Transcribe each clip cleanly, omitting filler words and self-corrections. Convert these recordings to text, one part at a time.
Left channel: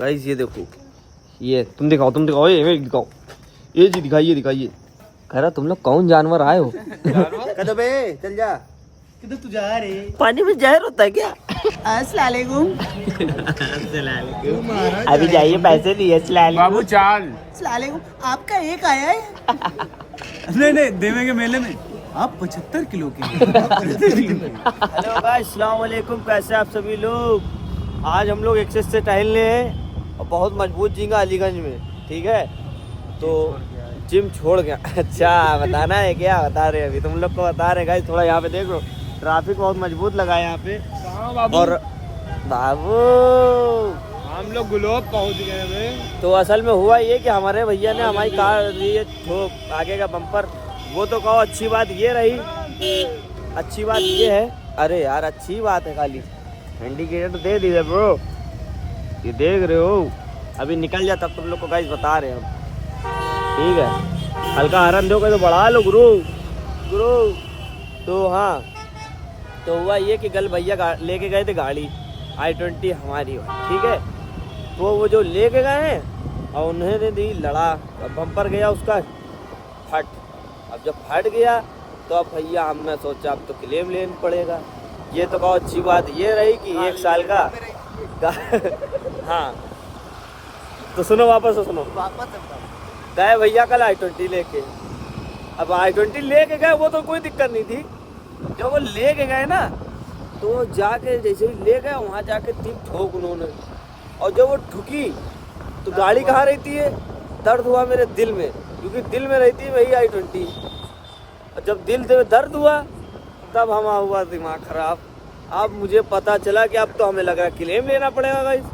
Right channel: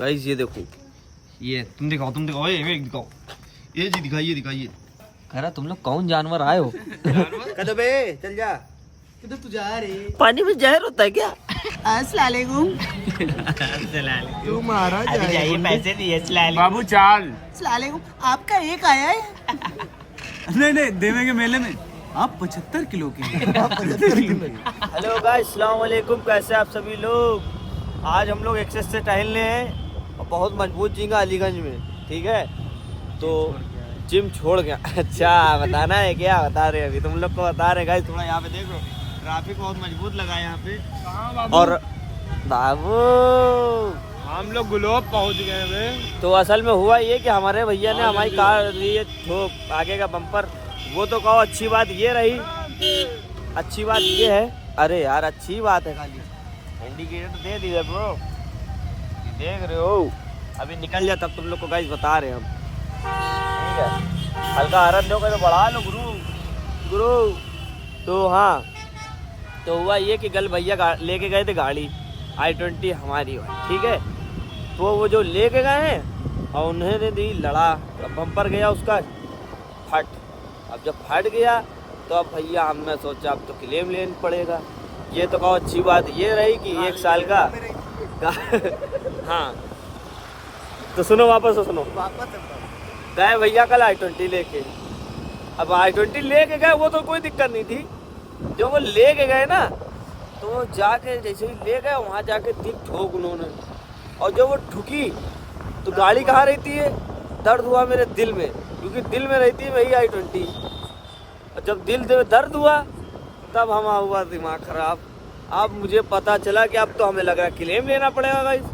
Guys ये देखो, ये तुम दिखाओ ये दिखाओ, ये जी दिखाइए। कह रहा तुम लोग कौन जानवर आए हो? कदम बे चल जा, किधर तू जा रही? पानी में जहर होता है क्या? अस्सलामुअलैकुम। अभी जाइए पैसे दिए बाबू चाल। अस्सलामुअलैकुम, आपका एक आया है? नहीं देवे के मेले में आप 75 किलो के। हेलो गाइस, अस्सलाम वालेकुम। कैसे आप सभी लोग? आज हम लोग एक्सेस से टहलने हैं और बहुत मजबूत झींगा अलीगंज में, ठीक है? तो जिम छोड़ गया। अच्छा बताना है क्या? बता रहे अभी तुम लोग को बता रहे गाइस। थोड़ा यहाँ पे देख लो, ट्रैफिक बहुत मजबूत लगा है यहाँ पे। और बाबू हम लोग गुलोब पहुंच गए हैं। तो असल में हुआ ये कि हमारे भैया ने हमारी कार ये ठोक आगे का बम्पर, वो तो कहो अच्छी बात ये रही, अच्छी बात ये है, अरे यार अच्छी बात है, खाली इंडिकेटर दे दिए ब्रो, ये देख रहे हो। अभी निकल जा तब तुम लोग को गाइस बता रहे हैं हम, ठीक है? हल्का हरन दो तो बढ़ा लो गुरु। तो हाँ, तो हुआ ये कि कल भैया लेके गए थे गाड़ी i20 हमारी, ठीक है? तो वो जो लेके गए हैं और उन्होंने दी लड़ा, बम्पर गया उसका फट। अब जब फट गया तो अब भैया हमने सोचा अब तो क्लेम लेना पड़ेगा। ये तो कहो अच्छी बात ये रही कि 1 साल का हाँ तो सुनो, वापस गए भैया कल i20 लेके। अब i20 लेके गए, वो तो कोई दिक्कत नहीं थी। जब वो लेके गए ना तो जाके जैसे ही ले गए वहाँ जाके ठीक ठोक उन्होंने, और जब वो ठुकी तो गाड़ी कहाँ रहती है? दर्द हुआ मेरे दिल में, क्योंकि दिल में रहती है वही i20। और जब दिल में दर्द हुआ तब हमारा हुआ दिमाग खराब। अब मुझे पता चला कि अब तो हमें लग रहा है क्लेम लेना पड़ेगा गाइस।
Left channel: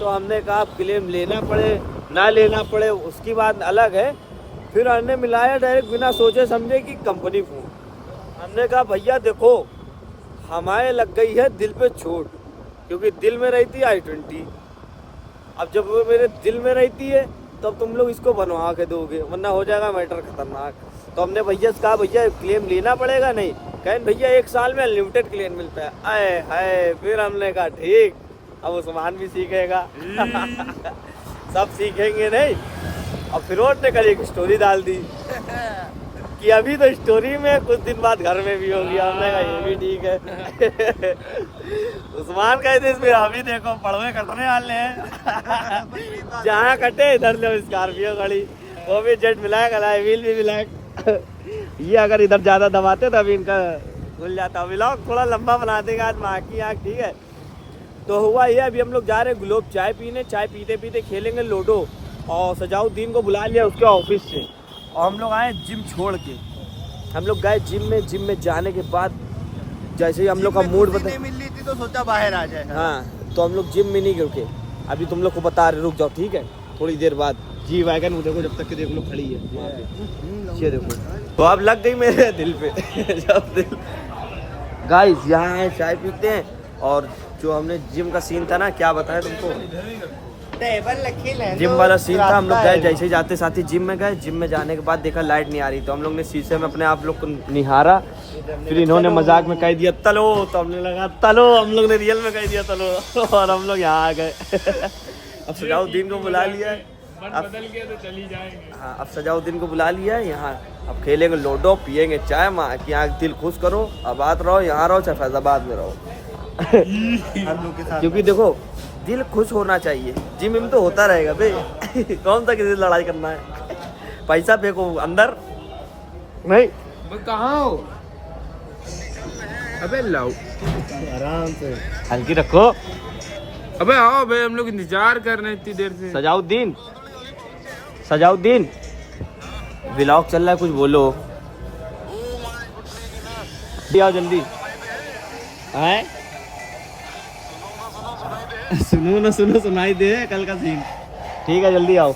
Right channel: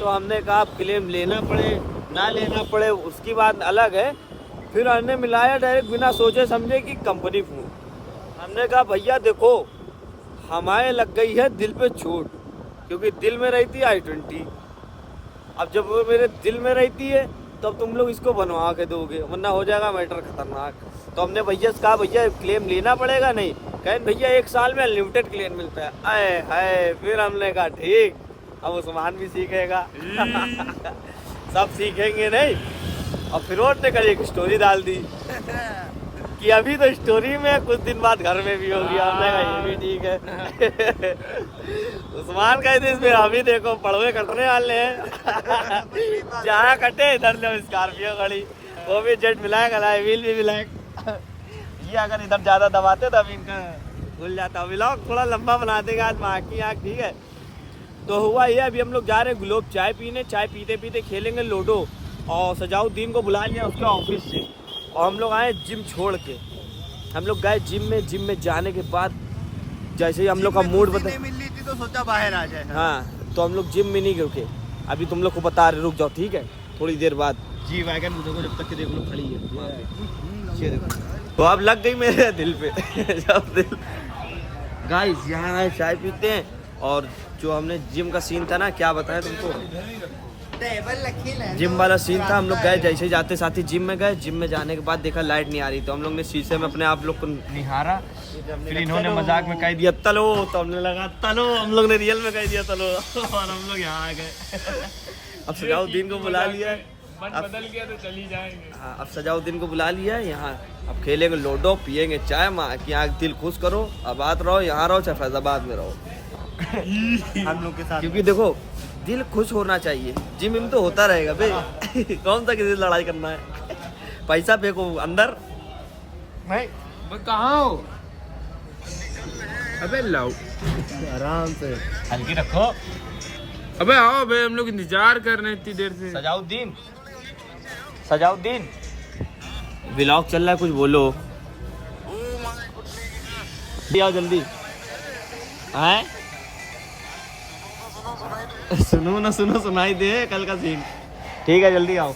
तो हमने कहा अब क्लेम लेना पड़े ना लेना पड़े उसकी बात अलग है। फिर हमने मिलाया डायरेक्ट बिना सोचे समझे कि कंपनी फोन। हमने कहा भैया देखो, हमारे लग गई है दिल पे चोट, क्योंकि दिल में रहती है i20। अब जब वो मेरे दिल में रहती है तब तुम लोग इसको बनवा के दोगे, वरना हो जाएगा मैटर खतरनाक। तो हमने भैया से कहा भैया क्लेम लेना पड़ेगा? नहीं, कहें भैया 1 साल में अनलिमिटेड क्लेम मिलता है। आए हाय, फिर हमने कहा ठीक, अब उस्मान भी सीखेगा। सब सीखेंगे नहीं। और फिर ने कल एक स्टोरी डाल दी कि अभी तो स्टोरी में कुछ दिन बाद घर में भी होगी। हमने कहा ये भी ठीक है। उस्मान कहते फिर अभी देखो पड़वे कटने वाले हैं। जहाँ कटे इधर ले स्कॉर्पियो गाड़ी, वो भी जेट मिलाएगा, व्हील भी मिलाएगा। ये अगर इधर ज्यादा दबाते तो अभी इनका खुल जाता। व्लॉग थोड़ा लंबा बना देगा आज माँ की आँख, ठीक है? तो हुआ ये, अभी हम लोग जा रहे हैं गुलोब चाय पीने। चाय पीते पीते खेलेंगे लूडो। और सजाउद्दीन को बुला लिया उसके ऑफिस से, और हम लोग आए जिम छोड़ के। हम लोग गए जिम में जाने के बाद जैसे ही हम लोग का मूड बदल मिल रही थी तो सोचा बाहर आ जाए। हाँ, तो हम लोग जिम में नहीं रुके। अभी तुम लोग को बता रहे, रुक जाओ ठीक है? थोड़ी देर बाद जी वैगन देखो, जब तक के देख लो खड़ी है वहाँ पे, ये देखो। तो अब लग गई मेरे दिल पे। जब दिल गाइस यहाँ आए चाय पीते हैं। और जो हमने जिम का सीन था ना, क्या बताया तुमको, जिम वाला सीन था। हम लोग गए, जैसे ही जाते साथ ही जिम में गए। जिम में जाने के बाद देखा लाइट नहीं आ रही, तो हम लोग ने शीशे में अपने आप लोग को निहारा। फिर इन्होंने मजाक में कह दिया तलो, तो हमने लगा तलो, हम लोग ने रियल में कह दिया तलो। और हम लोग यहाँ आ गए। अब सजाउद्दीन को बुला लिया है, बदल गया तो चली जाएंगे। हाँ, अब सजाउद्दीन को बुला लिया है यहाँ। अब खेलेंगे लूडो, पियेंगे चाय, माँ की आँख दिल खुश करो। आबाद रहो, यहाँ रहो चाहे फैजाबाद में रहो। हम लोग के साथ, क्योंकि देखो दिल खुश होना चाहिए। जिम तो होता रहेगा बे। कौन सा किसी से लड़ाई करना है? पैसा फेंको अंदर नहीं। मैं कहाँ हो? अबे लाओ, आराम से हल्की रखो। अबे आओ भाई, हम लोग इंतजार कर रहे हैं इतनी देर से। सजाउद्दीन व्लॉग चल रहा है, कुछ बोलो। आओ जल्दी। हैं? सुनो सुनाई दे कल का सीन। ठीक है जल्दी आओ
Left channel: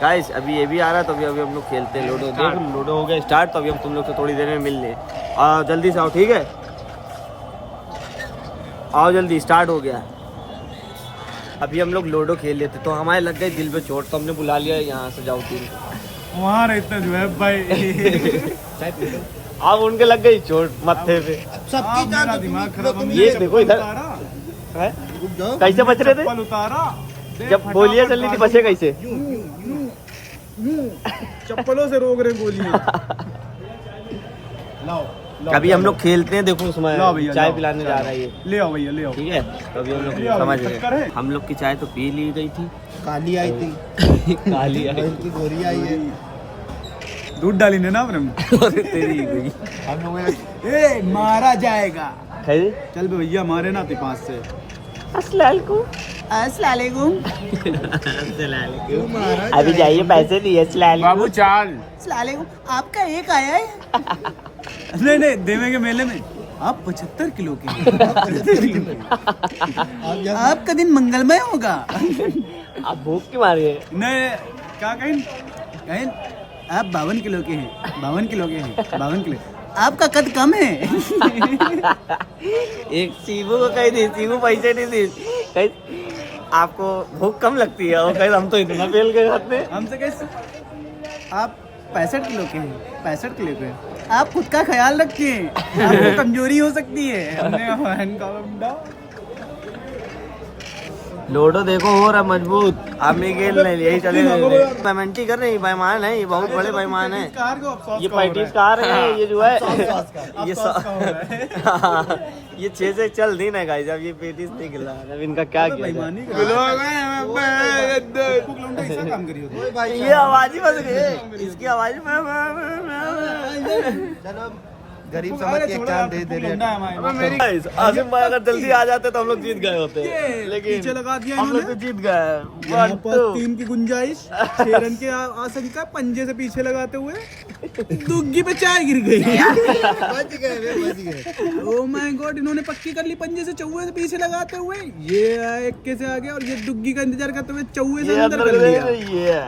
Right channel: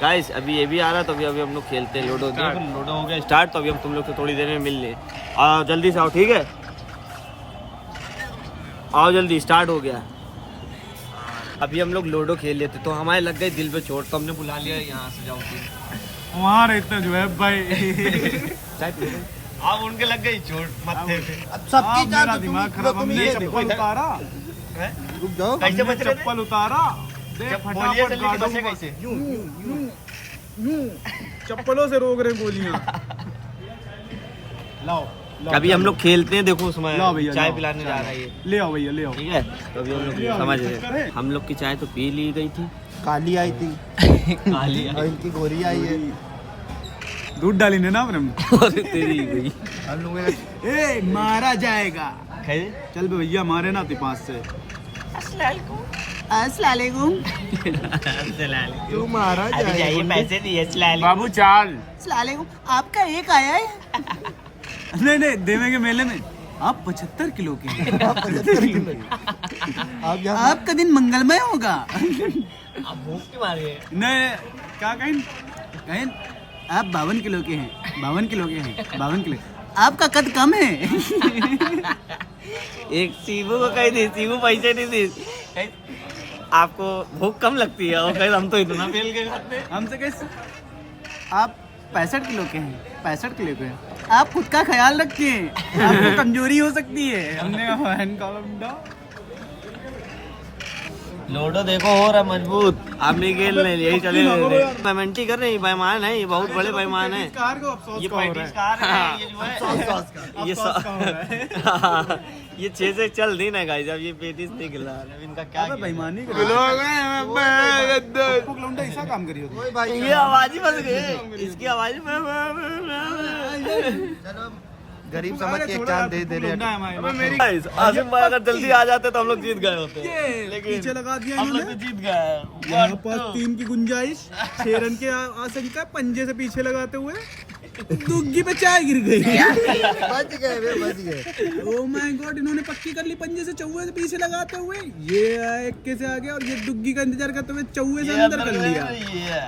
गाइस। अभी ये भी आ रहा है, तो अभी हम लोग खेलते हैं लूडो। देखो लूडो हो गया स्टार्ट, तो अभी हम तुम लोग से थोड़ी देर में मिल ले। आओ जल्दी से आओ, ठीक है? आओ जल्दी, स्टार्ट हो गया। अभी हम लोग लूडो खेल लेते, तो हमारे लग गई दिल पे चोट, तो हमने बुला लिया यहाँ से सजाउद्दीन। वहाँ रहता जो है भाई। अब उनके लग गई चोट मत्थे पे। सबकी दिमाग खराब। ये देखो इधर, है? रुक जाओ। कैसे बच रहे थे? चप्पल उतारा, जब गोलियां चल रही थी बचे कैसे? चप्पलों से रोक रहे गोलियां। लाओ अभी हम लोग खेलते हैं, देखो उसमें लाओ भैया, चाय लाओ, पिलाने जा रहा है ये, ले आओ भैया, ले आओ। ठीक है? तो अभी हम लोग समझ रहे हैं, हम लोग की चाय तो पी ली गई थी, काली आई थी काली और इनकी गोरी आई है। दूध डाली ने ना अपने। और तेरी गई हम लोगों ने ए मारा जाएगा। है। चल बे भैया, मारे ना ती 5 से। अस्सलाम अस्सलामुअलैकुम। क्यों मारा अभी जाइए पैसे दिए। अस्सलाम बाबू चाल अस्सलामुअलैकुम। आपका एक आया है? नहीं नहीं, देवे के मेले में आप 75 किलो के हैं। आपका दिन मंगलमय होगा। आप भूख के मारे हैं। नहीं, क्या कहें कहें, आप 52 किलो के हैं, 52 किलो के हैं, 52 किलो। आपका कद कम है। एक सीबू को कही थी, सीबू पैसे नहीं दी, कही आपको भूख कम लगती है, और कही हम तो इतना फेल गए खाते। हमसे कैसे? आप 65 किलो के हैं, 65 किलो के हैं। आप खुद का ख्याल रखिए, आपको कमजोरी हो सकती है। हमने लोडो देखो हो रहा मजबूत, आप नहीं खेल रहे, यही चले पेमेंट ही कर रहे हैं। बेईमान है ये, बहुत बड़े बेईमान है ये। पैंतीस कार है ये जो है ये ये 6 से चल नहीं ना गाइस। अब ये 35 नहीं गिला, अब इनका क्या किया? काम करिए। ये आवाज ही बस गई, इसकी आवाज में गरीब समझ के एक चांद दे रहे हैं। आसिम भाई अगर जल्दी आ जाते तो हम लोग जीत गए होते, लेकिन पीछे लगा दिया हम लोग इन्होंने। तो जीत गए। यहाँ पर 3 की गुंजाइश, 6 रन के आशंका, पंजे से पीछे लगाते हुए दुग्गी पे चाय गिर गई। बच गए। ओह माय गॉड, इन्होंने पक्की कर ली पंजे से चौवे से पीछे लगाते हुए। ये इक्के से आ गया और ये दुग्गी का इंतजार करते हुए चौवे से अंदर कर लिया। ये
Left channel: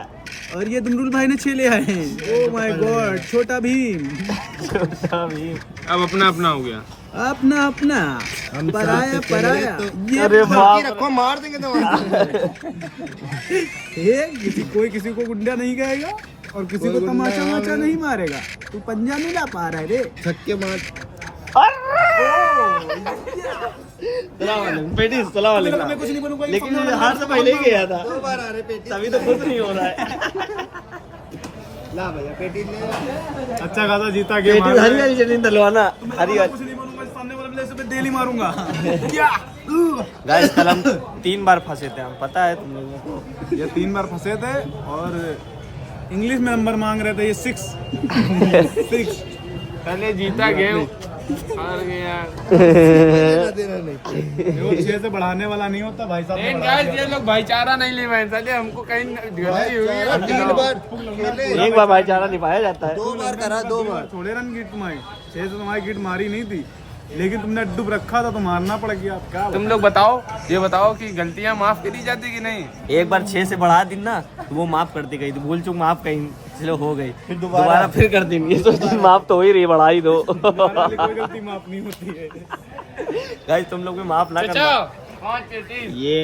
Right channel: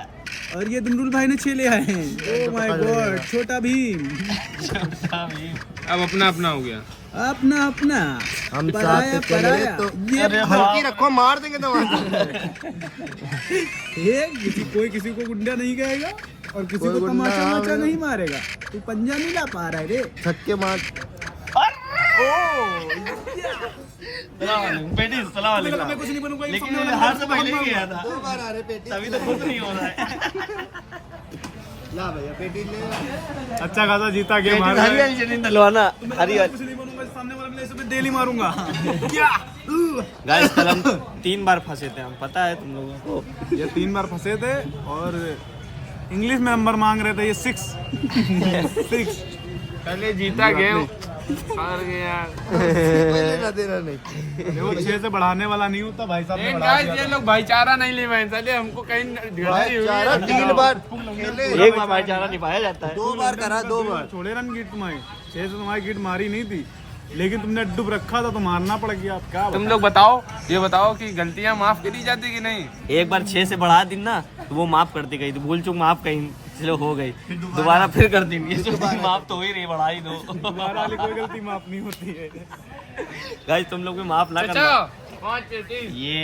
और ये दुमरुल भाई ने 6 ले आए हैं। ओह माय गॉड, छोटा भीम। अब अपना अपना हो गया। अपना अपना, हम पराया साथ में पराया। तो ये अरे बाकी रखो, मार देंगे तो कोई किसी को गुंडा नहीं कहेगा और किसी को कोई गुंडा तमाचा माचा नहीं मारेगा। तू पंजा नहीं ला पा रहा है रे। छक्के मार। कुछ नहीं बनूंगा, लेकिन मैं हार से पहले ही गया था, 2 बार आ रहे पेटी। तभी तो खुद नहीं हो रहा है। ला भैया पेटी ले। अच्छा खासा जीता गेम। हरी वाली चटनी डलवाना, हरी वाली। कुछ नहीं बनूंगा, सामने वाले प्लेयर पे डेली मारूंगा। क्या? गाइस कल हम 3 बार फंसे थे, हम पता है तुम लोगों को। ये 3 बार फंसे थे और इंग्लिश में नंबर मांग रहे थे। ये 6 पहले जीता गेम हार गया। देना नहीं। वो 6 से बढ़ाने वाला नहीं होता भाई लेकिन साहब। गाइस ये लोग भाईचारा नहीं ले पाए, साले हमको कहीं गलती हुई चारा है। 3 बार खेले। एक बार भाईचारा निभाया जाता है। 2 बार करा, 2 बार। थोड़े रन गिट तुम्हारी, 6 से तुम्हारी गिट मारी नहीं थी, लेकिन तुमने अड्डू रखा था तो मारना पड़ गया। आप क्या तुम लोग बताओ, ये बताओ कि गलतियां माफ करी जाती कि नहीं? एक बार 6 से बढ़ा दी ना तो वो माफ करती गई थी, भूल चूक माफ कहीं चलो हो गई, दोबारा फिर कर दी। ये तो माफ तो हो ही रही, बढ़ा ही दो। दोबारा वाली कोई गलती माफ नहीं होती है। गाइस तुम लोग भी माफ ना चाचा करना। 5 पेटी ये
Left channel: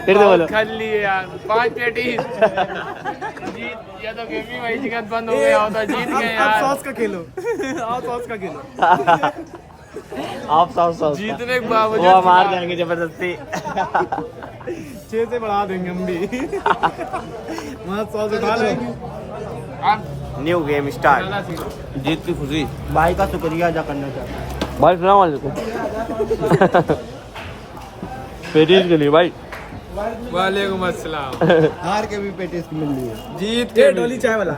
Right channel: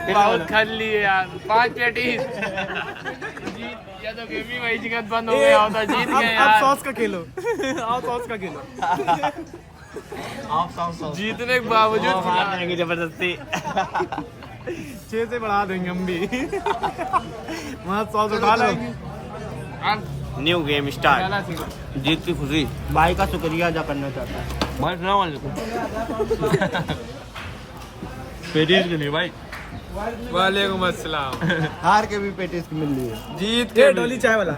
फिर से बोलो। खा लिए यार 5 पेटी। जीत या तो गेम ही वही जगह बंद हो गया होता, जीत गए अब यार। सॉस का खेलो। आओ सॉस का खेलो। आप सॉस जीतने के वो बावजूद मार जाएंगे जबरदस्ती। 6 से बढ़ा देंगे हम भी। वहाँ सॉस उठा लो। अब न्यू गेम स्टार्ट। पहला सीखो। जीत की खुशी, भाई का शुक्रिया अदा करना चाहता हूँ। भाई सलाम वालेकुम। पेटीज के लिए भाई। वालेकुम अस्सलाम। हार के भी पेटी मिल रही है। जीत ये के डोली चाय वाला।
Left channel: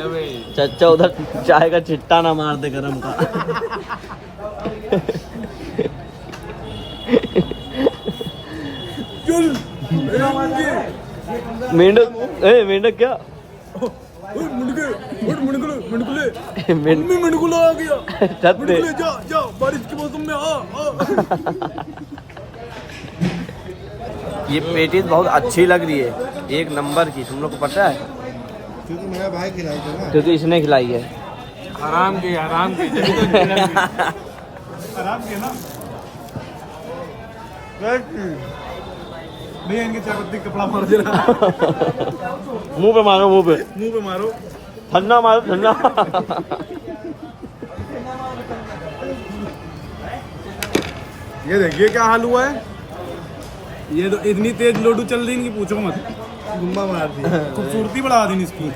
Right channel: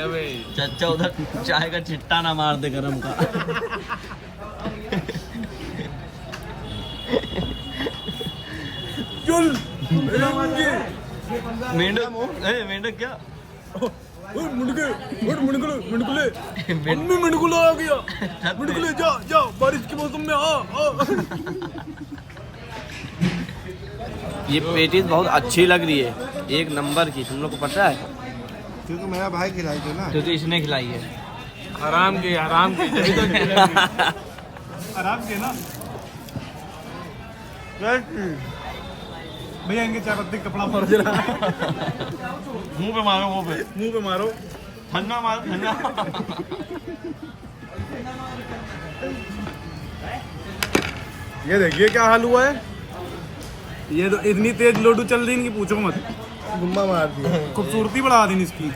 अबे चचा उधर चाय का चिट्टा ना मार दे गरम का। चल मेंढक, मेंढक क्या? मुड़कुले मेंढक मुड़कुला आ गया। छत पे। मुड़कुले जा जा, बारिश के मौसम में आ। ये पेटीज बहुत अच्छी लग रही है, एक नंबर की। तुम लोग को पता है क्योंकि मेरा भाई खिलाई थे ना। क्योंकि इसने खिलाई है। हराम की जल्दी तो आराम के ना भैया, इनके चाय पत्ती कपड़ा मारो जरा। मुंह पे मारो, मुंह पे मुंह पे मारो। ठंडा मारो, ठंडा। ये देखिए क्या हाल हुआ है। ये तो इतनी तेज लोडू चल रही कि पूछो मत। गुम्बा मार दिया। खूबसूरती बढ़ा दी इसकी।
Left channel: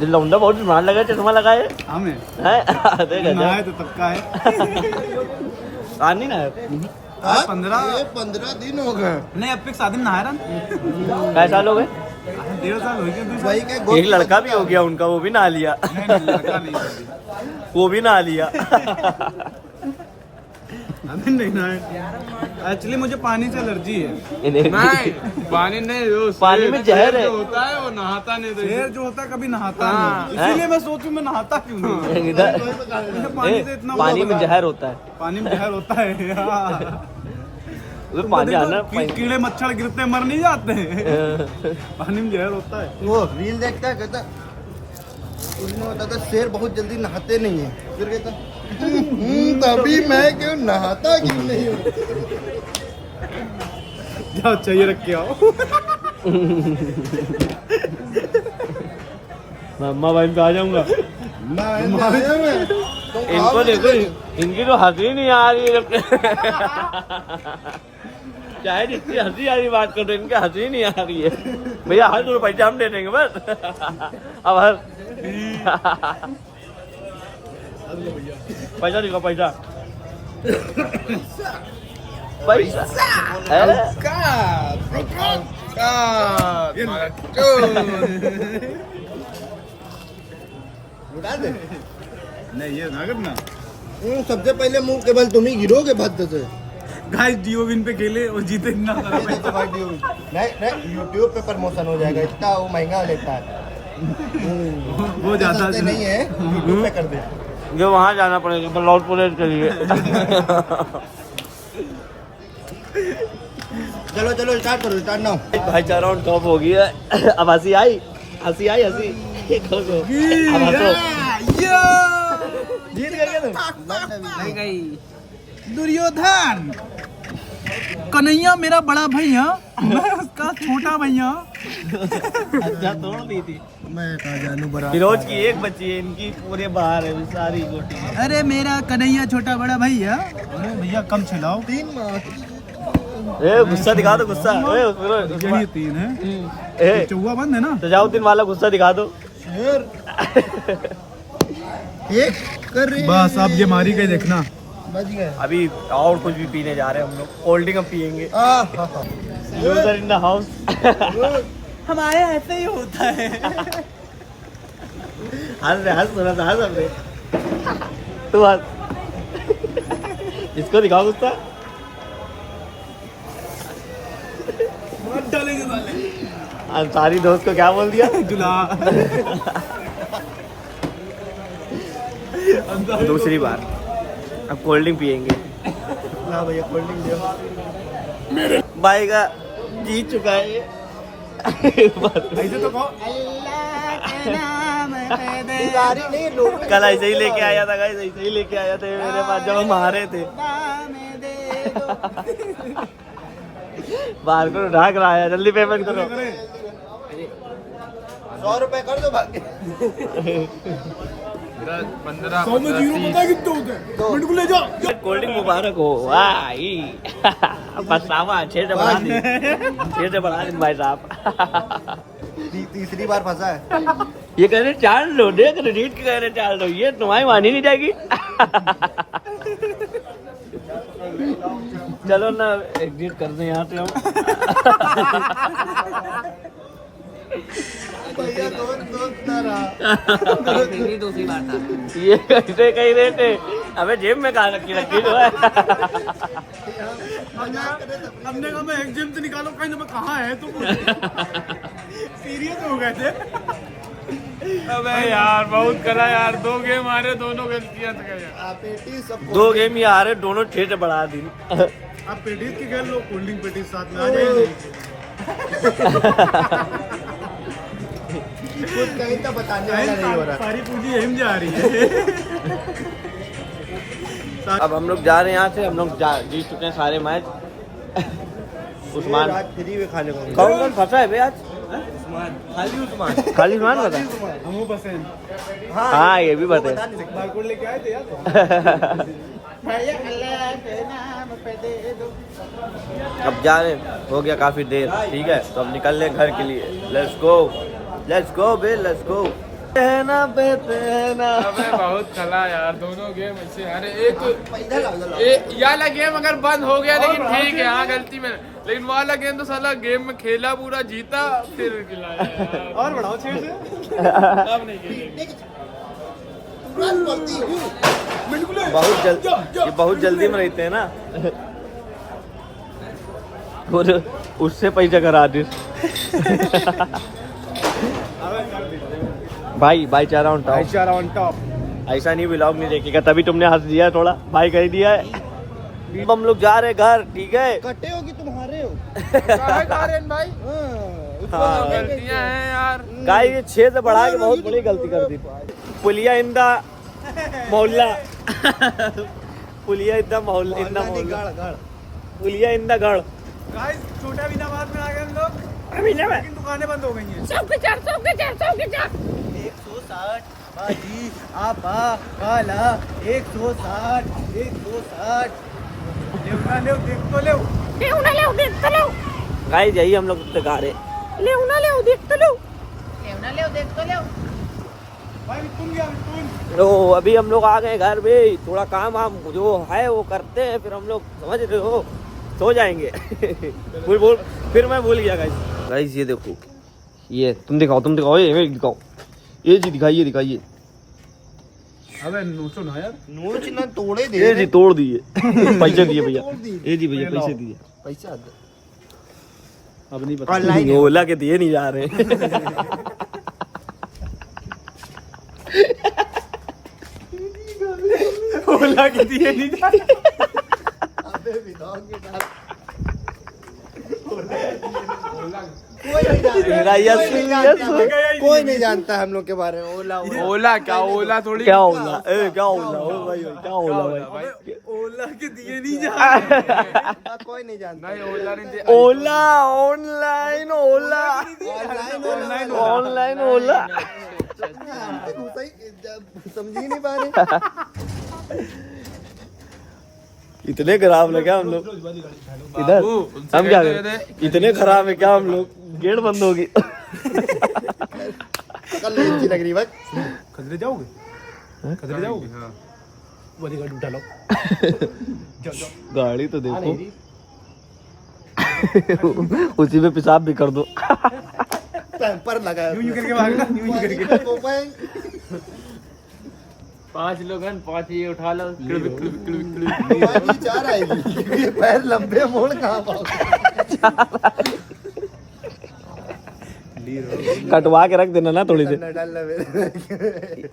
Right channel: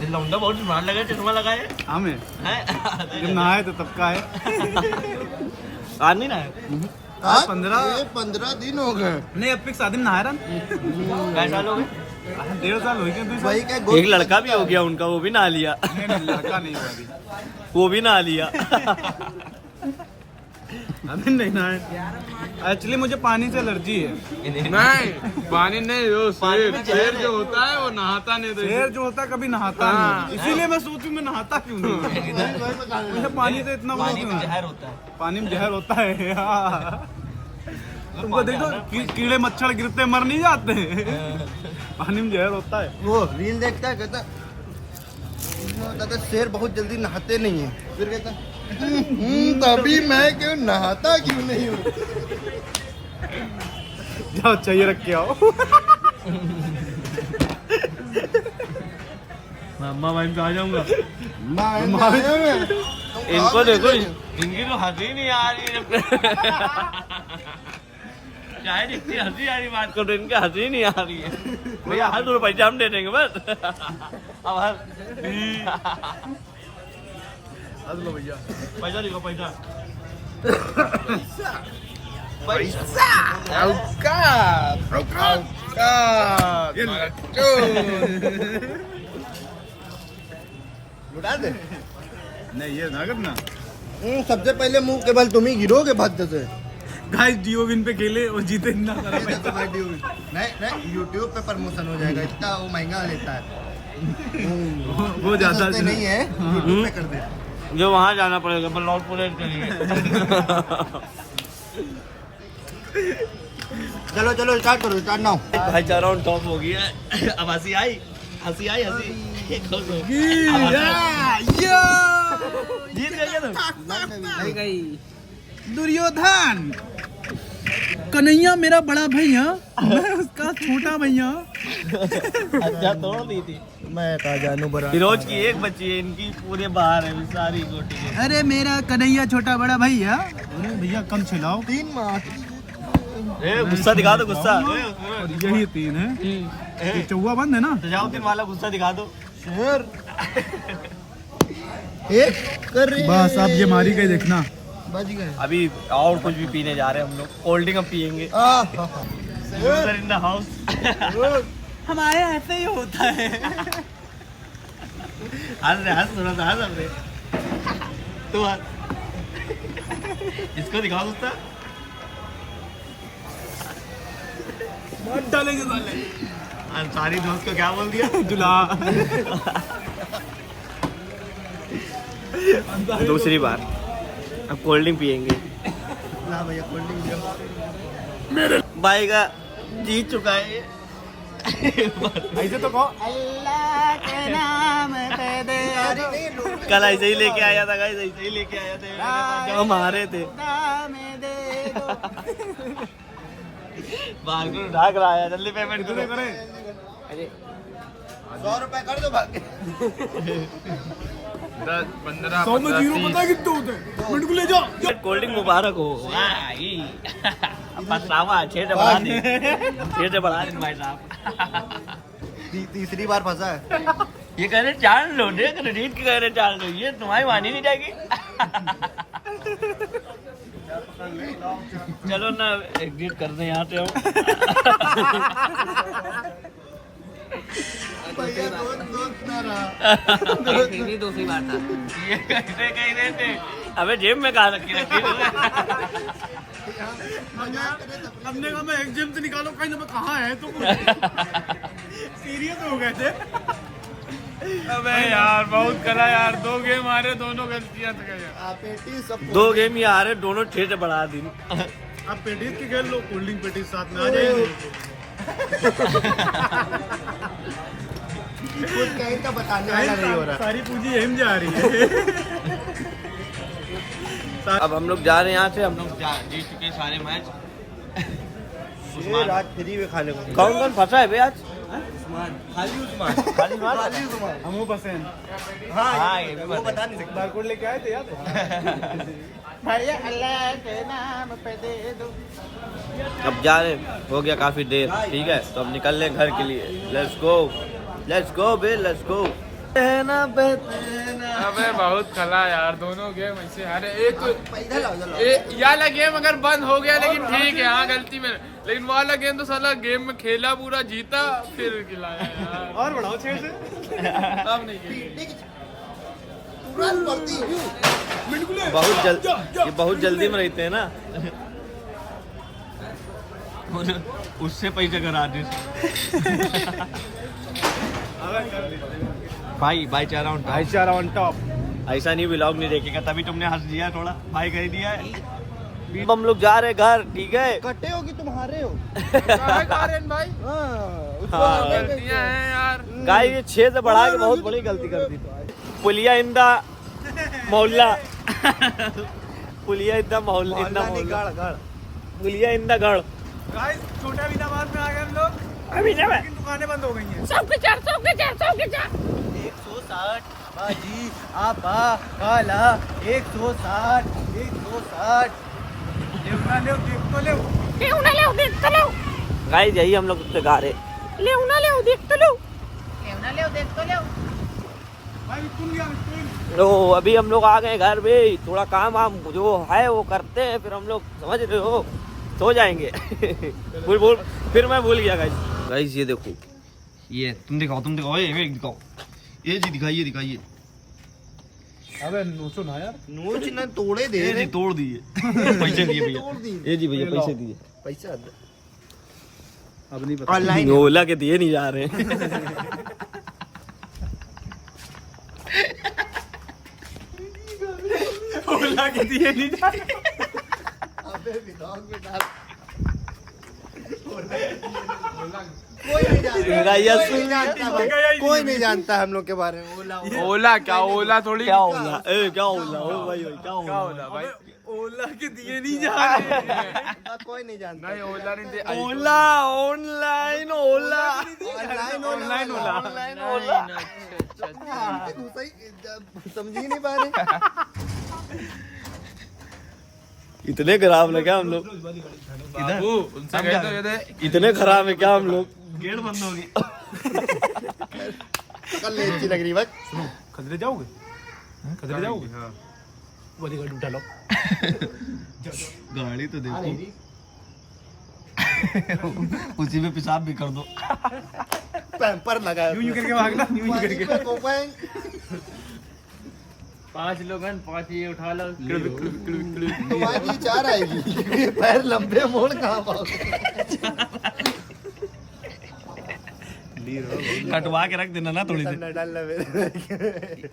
दिल लौंडा बहुत मार लगा, चश्मा लगाए हमें है नहाए तो तब का है। नहीं ना है। 15 दिन हो गए। नहीं अब फिक्स आदमी नहाया रहा। कैसे साल हो गए? 1.5 साल हो गया। वही के एक लड़का भी हो गया उनका, वो भी नहा लिया। लड़का नहीं अभी। वो भी नहा लिया। अभी नहीं नहाया। एक्चुअली मुझे पानी से एलर्जी है। नहीं पानी नहीं, वो पानी में जहर है। जो होता है वो नहाता नहीं, तो शेर जो होता है कभी नहाता नहीं, इसीलिए मैं सोचूं मैं नहाता क्यों नहीं। इधर मुझे पानी से इतना पानी में जहर होता है। पानी में जहर होता है। हाँ। वो तुमको पानी देखो आना कीड़े मच्छर गिरते मर नहीं जाते हैं। पानी में जहर होता है। वो रील देखता है, कहता उसमें होता था शेर बहुत जल्दी नहाते नहीं है। फिर कहता तभी मैं क्यों नहाता क्यों नहीं हूँ। जाओ चाहिए रख के आओ। मम्मा भाई पे आ जाऊंगा। नहाया मैं। इनको देखो, इनकी तो हंसी नहीं आ रही है। चाहे जितनी हंसी आ रही बात करो, इनकी हंसी नहीं आ रही है। भैया हर दो पैसा हम दे देंगे बस। अब हर पैसा दिखो, पैसा पैसा। उड़ा दे। नहीं ये ना करना। सबसे पहले मुंह के बल तुम ही गिरोगे भद्द से। गाइस जियो विन पे खेले और जीते इतना सारा पैसा। नहीं यूट्यूब पे प्रमोशन हो जाएगा, इतना वो महंगा लेता है। वो ज्यादा सस्ते नहीं है, यूट्यूब पे कर दे। जो वहाँ जाना पड़ेगा बलौट पुलिस के लिए। चलो चलो स्टार्ट करो, स्टार्ट नाउ। भाईचारा ऑन टॉप हो गया है। अब हंसी आई, हंसी आई, हंसी खुश हो। जीत करके तुम दुर्योधन कन्हैया मेरा बड़ा भैया, मैं उसका छोटा भैया। अच्छा तोड़ दी थी। मैं कहा जानू बड़ा। फिरोज की एक बच्ची है, इनकी पूरे बाहर है सारी गोटी है। अरे मेरा कन्हैया छोटा बड़ा भैया। अरे भैया कम चलाओ। 3 मार्च। ए गुस्सा दिखा दो, गुस्सा। ए फिरोज यही 3 है। ए चौवा बंद है ना। सजाओ 3 वाला गुस्सा दिखा दो। शेर एक कर रहे बस अब ये मारी गई देखना। बच गए। अभी और कुछ भी पीने जा रहे हैं हम लोग, कोल्ड ड्रिंक अब पियेंगे। User in the house. हमारे ऐसे ही होता है। हंस थोड़ा सा हंस अपने। तू हंस। इसको दिखाओ गुस्सा। डालेंगे साले। अंसारी दोस्त को क्या बोल दिया? दुला। दूसरी बार अब कोल्ड ड्रिंक पियेंगे। ना भैया कोल्ड ड्रिंक दियो। भाई का जीत चुका है ये। ऐसे तो कहो। कल ऐसे ही लेके आया था, गाइस ऐसे ही लेके आया था मेरे पास जब हम हारे थे। बाहर को ढाक रहा है, जल्दी पेमेंट करो। 100 रुपए कर दो बाकी। 10, 15, 100 में 0 पता है कितने होते हैं? मिनट को ले जाओ। कोल्ड ड्रिंक मुबारक हो। वाह पछतावा 6 से बढ़ा दी, 6 से बढ़ा दी भाई साहब। तीसरी बार फंसा है। ये कह रहे 4 लो, देख रहे जीत के कह रहे 4 लो, ये तुम्हारी मानी नहीं जाएगी। चलो ना एग्जिट कर दें यहाँ से हम। भैया दोस्त ना रहा। ये कैसे कही रहे थे? अबे जेब में कहा रखी रखी तो है। हमने कहा मैं एग्जाम से निकालो कहीं ना, मैं कहाँ है तुम। सीरियस हो गए थे। अबे यार बहुत करा यार, 2 गेम हारे, दोनों गलतियां थे यार। आप पेटी सब 2 गेम ही आ रहे, दोनों 6 से बढ़ा दी। आप पेटीज की खेल लो, कोल्ड ड्रिंक पेटीज साथ में आ जाएंगे। कुछ कहीं तो बताने वाला नहीं हो रहा। सारी पूंजी यहीं जा रही है। अब हम लोग जा रहे हैं यहाँ से, हम लोग जीत चुके हैं सारे मैच। उस्मान आज फ्री में खाने को मिला। कौन कौन फंसा है भैया आज? खाली उस्मान। खाली उस्मान फंसा? हमको पसंद। हाँ ये भी बता। बता नहीं सकता। बारकोड लेके आए थे यार। भैया अल्लाह के नाम पे दे दो। अब जा रहे, हो गया काफी देर, ठीक है, तो अब निकल रहे घर के लिए। Let's go bae, let's go. अबे बहुत खला यार, दोनों गेम ऐसे अरे एक ये वाला गेम अगर बंद हो गया लेकिन ठीक है, हाँ गलती में, लेकिन वाला गेम तो साला गेम में खेला पूरा जीता फिर खिलाया यार। और बढ़ाओ 6 से। अब नहीं खेलेंगे। ये बहुत जल्दी में रहते हैं ना, और उससे पैसा करा दे। भाईचारा ऑन टॉप। ऐसा नहीं, व्लॉग नहीं देखेगा तभी तुमने हंस दिया थोड़ा, भाई कह दिया है। अब हम लोग जा रहे घर, ठीक है। कटे हो कि तुम हारे हो? भाई हाँ। गलतियां हैं यार। गाय ये 6 से बढ़ा के बहुत बड़ी गलती कर दी। पुलिया इंदा मोहल्ला, पुलिया इंदा मोहल्ला, पुलिया इंदा गढ़। गाइस छोटा अमीनाबाद में आ गए हम लोग, अमीनाबाद लेकिन दुकानें बंद हो गई हैं। 160 बाजी आपा काला 160 देख तो लो। गाय यही हम लोग उससे गा रहे। तो अभी हम लोग आ गए घर में, थोड़ा काम वाम जो है वो करते हैं, फिर हम लोग समझ रहे हो सो जाएंगे। फिर मैं भूल गया गाइस। ये देखो, ये तुम दिखाओ, ये दिखाओ, ये जी दिखाइए। अबे नोचो ना यार, नोच ना तोड़े दे ये जी रहे। तोड़ दिए। पैसे दिए भैया, तोड़ दिए। ये जी भैया पैसे दिए। पैसा अब नहीं पता। ऑनलाइन ओला के दिए नहीं जा रहे। ओला के दिए नहीं जा रहे। अबे विदाउट में डाल। कोई नहीं जानता हम लोग के बारे में। ओला क्या, ओला थोड़ी क्या ओला? क्या ओला? ओ भाई क्या ओला? भाई ओला के दिए नहीं जा रहे। कोई नहीं जानता। नहीं ओला नहीं दे। ओला ऑनलाइन ओला, ऑनलाइन ओला। समझ ही नहीं पा रहे। इतने खराब लगे हम लोग इधर, उनसे हम कह क्या दो ये करें? इतने खराब है क्या हम लोग? गेट बंद होगी। कल अच्छी लग रही बस। खतरे जाओगे? हाँ। वाली गाड़ी उठा लो। गाड़ी तो देखो, उसी में पेशाब भी कर दो। पैम्पर लगा यूं करके भागना, यूं करके। 5 लोग हैं, 5 ये उठा लो। चार आएगी। पैर लंबे मोड़ कहाँ पाओगे? कटवा के रख देना ना थोड़ी देर, डालना मेरे।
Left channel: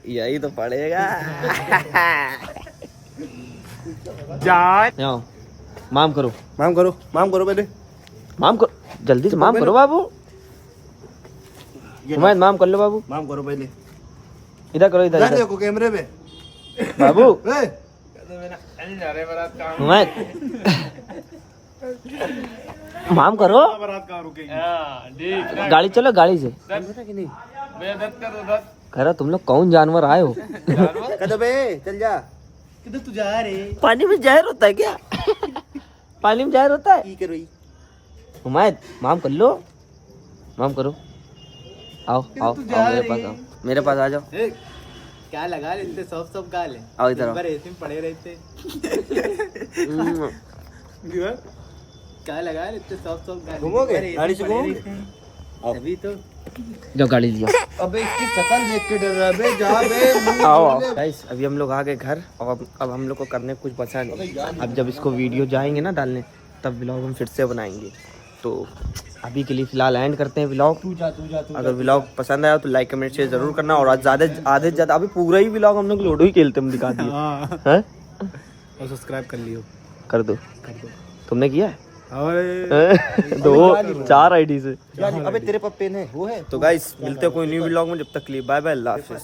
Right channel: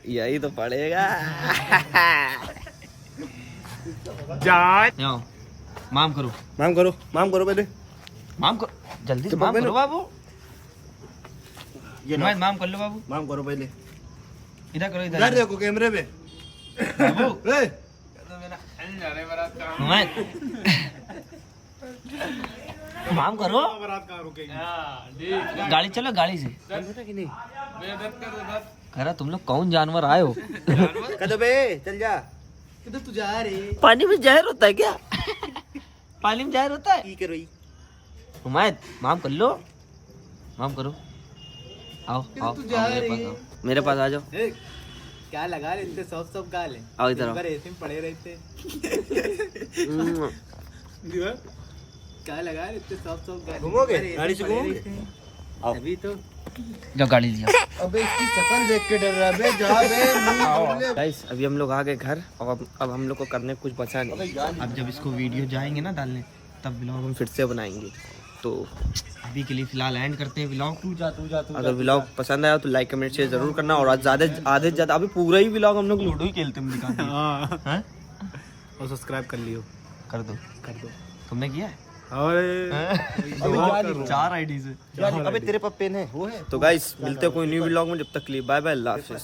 यही तो पड़ेगा। जान माम करो पहले, माम करो जल्दी से, माम करो बाबू। हुमायत माम कर लो बाबू, माम करो पहले। इधर करो, इधर इधर देखो कैमरे में। बाबू। ए, हुमायत माम करो, गाड़ी चलो, गाड़ी से कह रहा तुम लोग कौन जानवर आए हो? कदम बे चल जा। किधर तू जा रे? पानी में जहर होता है क्या? पानी में जहर होता है? की करो हुमायत माम कर लो, माम करो। आओ मेरे पास आओ, मेरे पास आ जाओ। क्या लगा लेते सब गाल है। आओ इधर आओ। ऐसे में पड़े रहते। क्या लगा लेते सब गाल। घूमोगे गाड़ी से? घूमोगे? अभी तो जो गाड़ी लिया। अबे इसकी शक्ल देख के डर रहा बे। जा बे मुंह खोल ले। गाइस अभी हम लोग आ गए घर, और अब हम लोग को करने कुछ बचा नहीं। अब जब इसको वीडियो जाएंगे ना डालने, तब व्लॉग हम फिर से बनाएंगे। तो अभी के लिए फिलहाल एंड करते हैं व्लॉग। अगर व्लॉग पसंद आया तो लाइक कमेंट शेयर जरूर करना, और आज आधे से ज्यादा अभी पूरा ही व्लॉग हम लोग लूडो ही खेलते हम दिखा दिए हैं? और सब्सक्राइब कर लियो। कर दो तुमने किया है? और 2-4 आईडी से। अबे तेरे पास पेन है? वो है। तो गाइस मिलते हैं कोई न्यू व्लॉग में, जब तक के लिए बाय बाय, अल्लाह हाफिज़।